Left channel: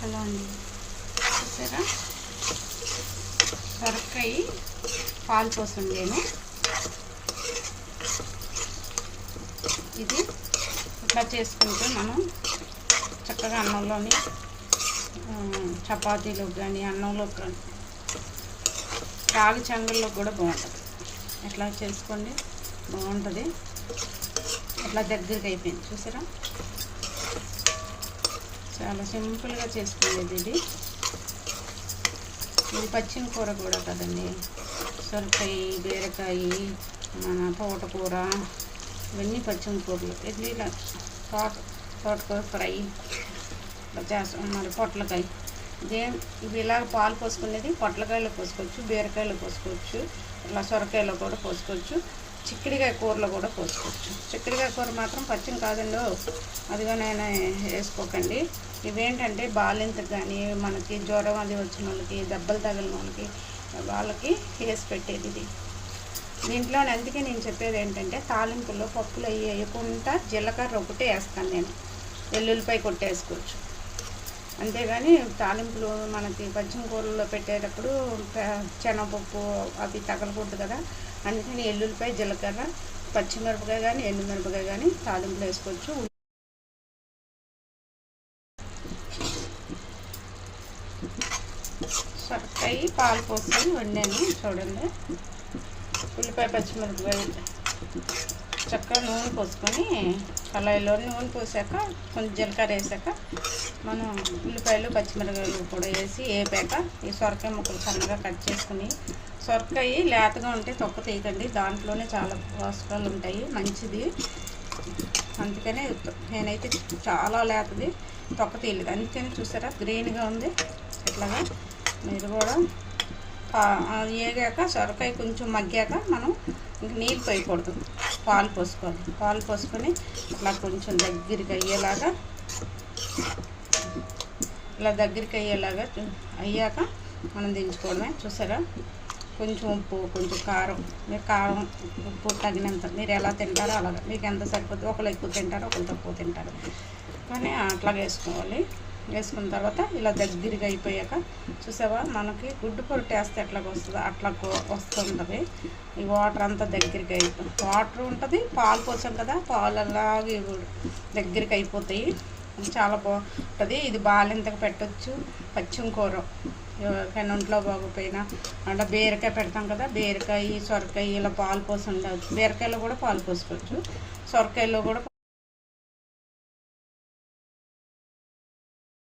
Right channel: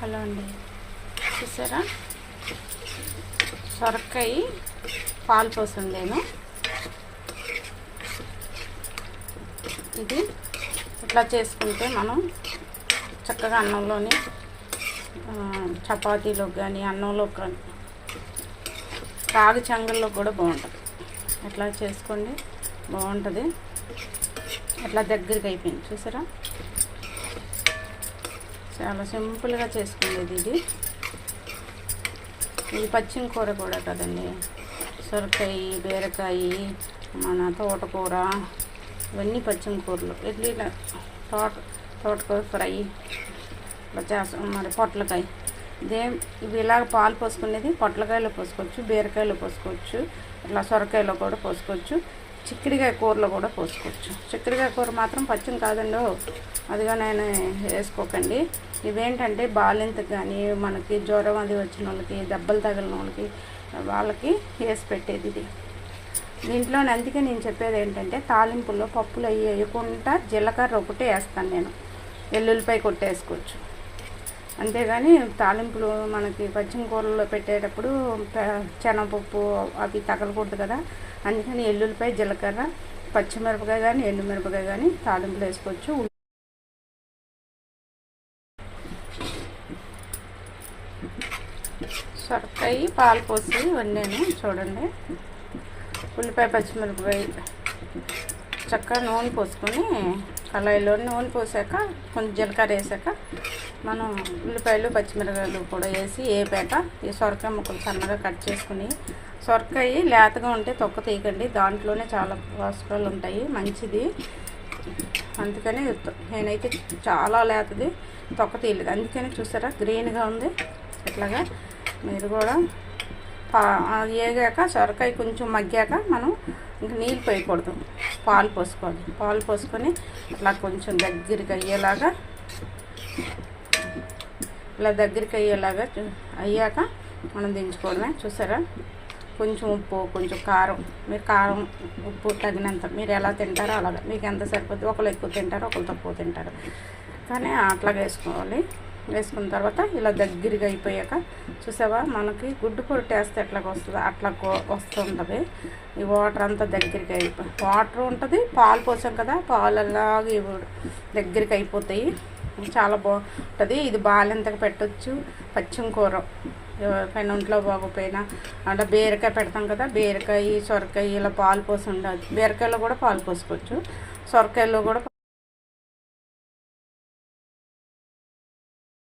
Hello అండి, చూసారా సొరకాయ పాలు పోసుండేను. ఇది ఇట్లా చేసుకుంటే మనం చక్కగా అన్నంలోని చపాతీలోకి కానీ అన్నంలోకి కానీ రాగి చెంగల్లో కూడా బాగుంటుంది. ఇట్లా చేసుకోండి, బాగుంటుంది. ఇట్లా దగ్గరికి అయిపోయింది చూసారా, చాలా సింపుల్గా చేసుకునేది ఇది. పచ్చిమి కూర కూడా కదండి, సొరకాయ, బీరకాయ, మన తోటకూర, ఇవన్నీ పచ్చిమి కూరలు. ఇట్లా తోటకూర ఫ్రై ఇట్లా చేస్తాం. మరి పొట్లకాయ ఇవి ఇలాగ పాలు పోసుకునేది పొట్లకాయలో పోసుకోవచ్చు, బీరకాయలో పోసుకోవచ్చు, ఇట్లా సొరకాయలో కూడా పోసుకోవచ్చు, చిక్కుడుకాయ కూరలో కూడా పోసుకోవచ్చు. చిక్కుడుకాయ కూర మాత్రం పచ్చిమి కాదండి, అదిగా నేను వేసుకోకండి. ఇవేంటంటే బాలింతకు కానీ మనకి జ్వరం అది వచ్చిన వాళ్ళకి, దెబ్బలు తగిలిన వాళ్ళకి వేసి పెట్టేది ఇది. దీంట్లో అందుకే నేను చెప్పేది ఏంటంటే తాలింపుల్లో పప్పులు అవి వేయకుండా జీలకర్ర ఒకటే వేస్తాను నేను, వెల్లుల్లిపాయ కొట్టేసుకోవచ్చు. అంతేగాని తాలింపులు మనకి పచ్చిమి కూరల్లో పెట్టేటప్పుడు శనగపప్పు అవి తగలకూడదు కదా, అందుకని వెల్లుల్లిపాయ, జీలకర్ర, పచ్చిమిరపకాయ కానీ ఎండుమిరపకాయ కానీ తాలింపులు వేసుకోవచ్చు. సొరకాయ పాలు పోసి వండాను చూడండి. ఉల్లిపాయ, పచ్చిమిరపకాయ, చక్కగా నూనె పోసుకొని కళాయిలో నూనె పోసాక కొంచెం జీలకర్ర వేసాక మనం ఉల్లిపాయలు, పచ్చిమిరపకాయలు కూడా వేసి వేపాక ఈ సొరకాయ ముక్కలు సన్నగా కట్ చేసుకుని, సొరకాయ లేతగా ఉంటే తొక్క తీయకండి, దాంట్లోనే చాలా పోషకాలు ఉంటాయి, మంచిది. అందుకనే నేనైతే చాలా లేతది తొక్క తీయలేదు, అందుకని చూసారా గ్రీన్గా ఉంది. ఇట్లాగా మీరు కూడా వేగాక సొరకాయ కొంచెం మగ్గాక మనం ఇంక నీళ్ళు పోయకూడదు, పాలు పోసుకోవాలి. పాలు పోసుకొని అట్లా కొంచెం దగ్గరికి అయ్యేలాగా, ఇలా దగ్గరికి అయ్యేలాగా అయ్యాక మనం దించుకోవడమే. చూసారా, కొంచెం ఉప్పు, కొంచెం కారం, మీరు కారం ఉప్పు తగినంత మీరు ఎలా తింటారో అలాగా, మీకు ఎంత సరిపోతుంది. ఒకళ్ళు ఎక్కువ తింటారు, ఒకళ్ళు తక్కువ తింటారు, కానీ అట్లాగే వేసుకోవాలి. వేసుకున్న తర్వాత ఇలా దగ్గరగా అయిపోయాక చూసావా, మనకి గుడ్డు పొరటు వేస్తే ఎట్లాగ వస్తుందో అట్లా వస్తుంటుంది. ఈ వాటర్ అంతా దగ్గరికి అయిపోయి వాటర్ ఉంటుంది, పాలు పోసాం కదా, పాలు అలాగే దగ్గరికి అయిపోతాయి, చాలా బాగుంటుంది. ఇది బాలింతగా పెట్టచ్చు. పచ్చిమి కూర ఎవరికైనా ఒంట్లో బాగోపోయినా అంటే బీరకాయ పెడతాం కదా, బీరకాయ, సొరకాయ ఇలా పాలు పోసి ఉండదు. బీరకాయలో కూడా పాలు పోసుకోవచ్చు, సొరకాయలో కూడా